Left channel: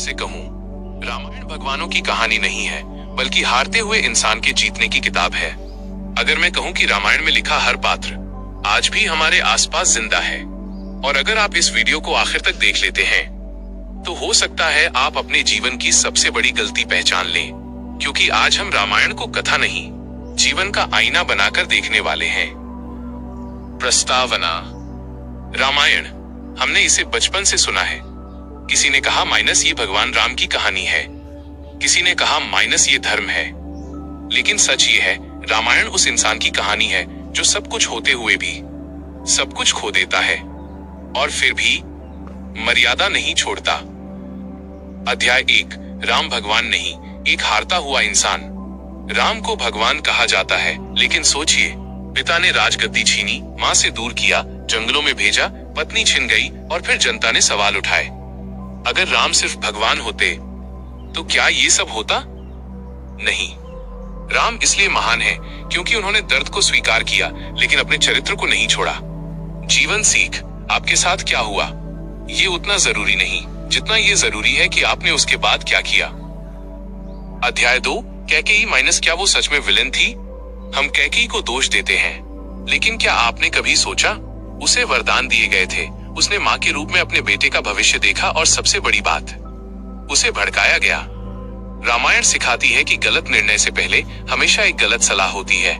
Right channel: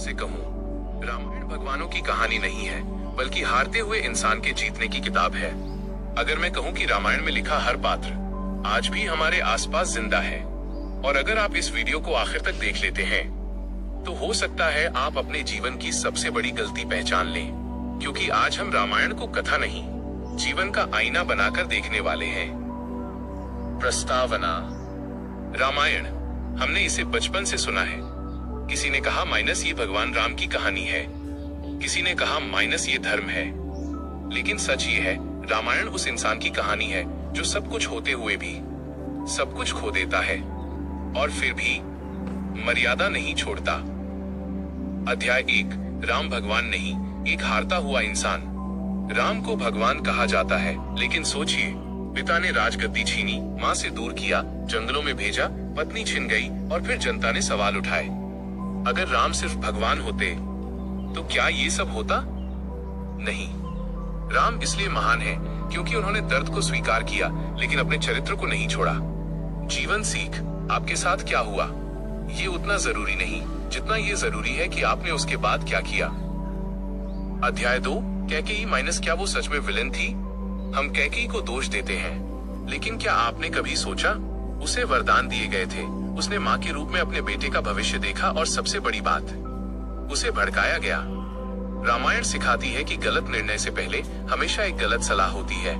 आपसे कहूँ, रामायण भगवानों की कहानी नहीं है, बल्कि हारते हुए इंसान के जीतने की किताब है। अगर मैं कहूँ कि रामायण में लिखा हर पात्र आज भी हमारे आसपास जिंदा है, और अगर आप इस वीडियो को आखिर तक देख लेते हैं, तो हो सकता है आप अपने जीवन की सबसे बड़ी गलती पहचान लें, क्योंकि आज हम रामायण को कथा नहीं, जीवन का आईना बनाकर देखने वाले हैं। प्रस्तावना। रामायण, हमने इसे बचपन से सुना है। किसी ने कहा माइनस ये भगवान राम की कहानी है, किसी ने कहा माइनस ये धर्म है। लेकिन सच ये है, रामायण उस इंसान की कहानी है जो सब कुछ होते हुए भी सब कुछ खो देता है, और फिर भी मर्यादा नहीं छोड़ता। अध्याय 1। राम भगवान नहीं, एक हारता हुआ इंसान। राम को भगवान कहा जाता है, लेकिन सोचिए, पिता ने राजगद्दी छीनी, माँ से दूर किया, जंगलों में भेजा, पत्नी छिन गई, और फिर जनता ने सवाल उठाए। अगर राम सिर्फ भगवान होते तो क्या ये सब होता? नहीं। राम इसलिए महान है क्योंकि उन्होंने दर्द को स्वीकार किया, लेकिन अपने चरित्र को नहीं छोड़ा। जीवन सीख। आपके साथ क्या हुआ, ये उतना जरूरी नहीं जितना ये जरूरी है कि आपने उसके बाद क्या किया। अध्याय 2। कैकेयी माइनस क्या वो सच में विलेन थी? हम कैकेयी को दोष देते हैं, लेकिन क्या आपने कभी सोचा, उसे वरदान दिए गए थे, उसने माँ के रूप में अपने बेटे का भविष्य देखा, और सबसे बड़ी बात, उसे भड़काया गया। रामायण सिखाती है कि गलत निर्णय से पहले हमेशा एक गलत सलाह होती है।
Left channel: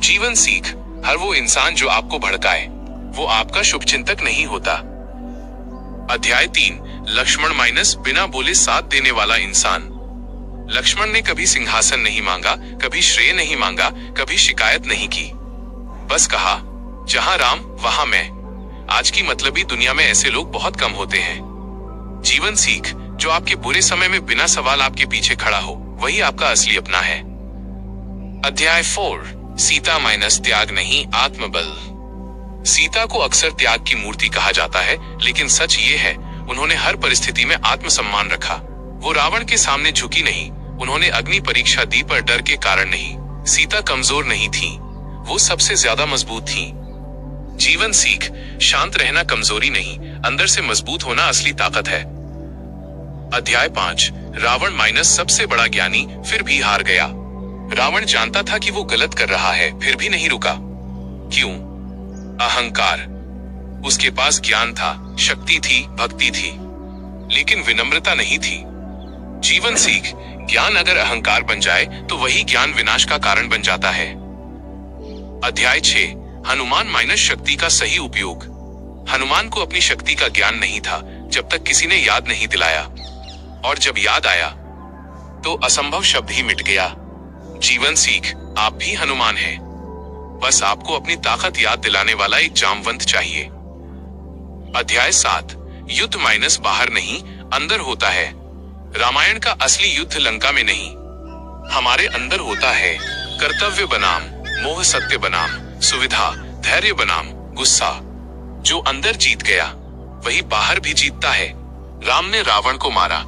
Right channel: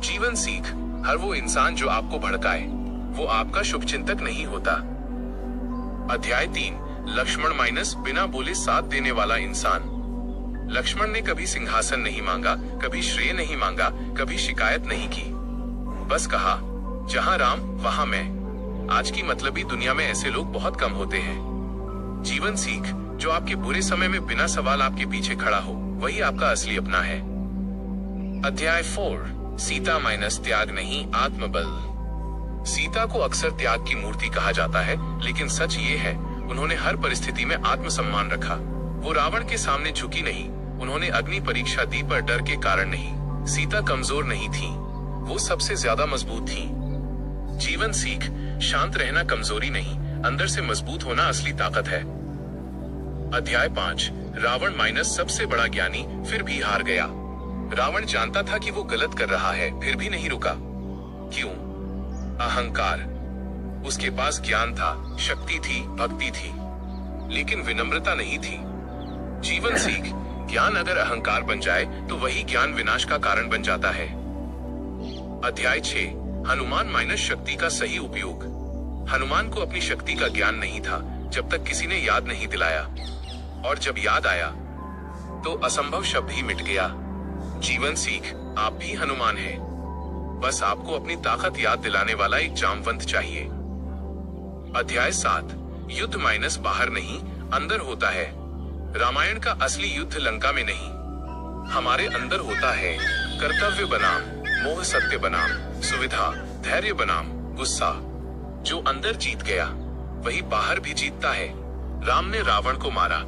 जीवन सीख। हर वो इंसान जो आपको भड़काए, वो आपका शुभचिंतक नहीं होता। अध्याय 3। लक्ष्मण माइनस बिना बोले साथ देने वाला इंसान। लक्ष्मण ने कभी सिंहासन नहीं मांगा, कभी श्रेय नहीं मांगा, कभी शिकायत नहीं की। बस कहा, जहां राम वहां मैं। आज की मतलबी दुनिया में ऐसे लोग बहुत कम होते हैं। जीवन सीख। जो आपके बुरे समय में बिना सवाल आपके पीछे खड़ा हो, वही आपका असली अपना है। अध्याय 4। सीता माइनस त्याग नहीं, आत्मबल। सीता को अक्सर त्याग की मूर्ति कहा जाता है, लेकिन सच ये है, उन्होंने हर परिस्थिति में आत्मसम्मान रखा। वो रावण के सामने झुकी नहीं, उन्होंने अग्नि परीक्षा दी, पर डर के कारण नहीं। सीता कमजोर नहीं थी, वो सबसे ज्यादा मजबूत थी। जीवन सीख। शांत रहना कमजोरी नहीं, अंदर से मजबूत होना असली ताकत है। अध्याय 5। रावण माइनस सबसे बड़ा ज्ञानी, फिर भी हार गया। रावण जानता था कि वो गलत कर रहा है, फिर भी नहीं रुका। क्यों? अहंकार। उसके पास ज्ञान था, शक्ति थी, भक्ति थी, लेकिन विनम्रता नहीं थी। जीवन सीख। ज्ञान अगर अहंकार बन जाए तो वही ज्ञान विनाश का कारण बन जाता है। अध्याय 6। हनुमान माइनस शक्ति का सही उपयोग। हनुमान को अपनी शक्ति का ज्ञान नहीं था, जब तक किसी ने याद नहीं दिलाया, और जब याद आया तो असंभव शब्द ही मिट गया। जीवन सीख। आप भी हनुमान हैं, बस आपको अपनी ताकत याद दिलाने वाला एक जामवंत चाहिए। अध्याय 7। युद्ध माइनस बाहर नहीं, अंदर होता है। रामायण का असली युद्ध लंका में नहीं, हमारे अंदर होता है। कर्तव्य बनाम मोह, सत्य बनाम सुविधा, धैर्य बनाम गुस्सा। जो अंदर जीत गया, वही बाहर भी जीतता है। राम ने रावण को मारा,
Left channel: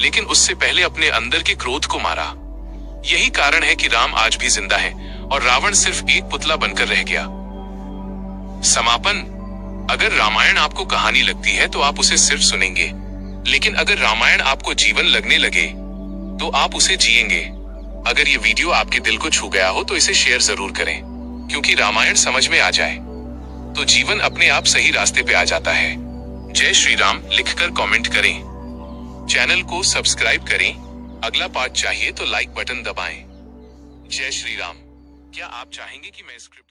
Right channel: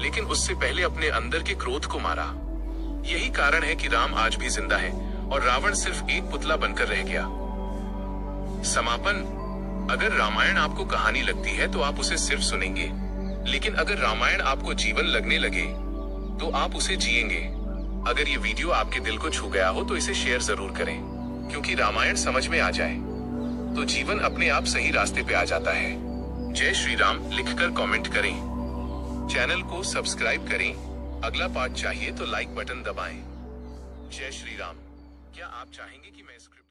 लेकिन उससे पहले अपने अंदर के क्रोध को मारा। यही कारण है कि राम आज भी जिंदा है, और रावण सिर्फ एक पुतला बनकर रह गया। समापन। अगर रामायण आपको कहानी लगती है तो आप उसे सिर्फ सुनेंगे, लेकिन अगर रामायण आपको जीवन लगने लगे तो आप उसे जिएंगे। अगर ये वीडियो आपके दिल को छू गया हो तो इसे शेयर जरूर करें, क्योंकि रामायण समझ में आ जाए तो जीवन अपने आप सही रास्ते पे आ जाता है। जय श्री राम लिखकर कमेंट करें, चैनल को सब्सक्राइब करें। अगला पार्ट चाहिए तो लाइक बटन दबाएं। जय श्री राम। क्या आप चाहेंगे कि मैं स्क्रिप्ट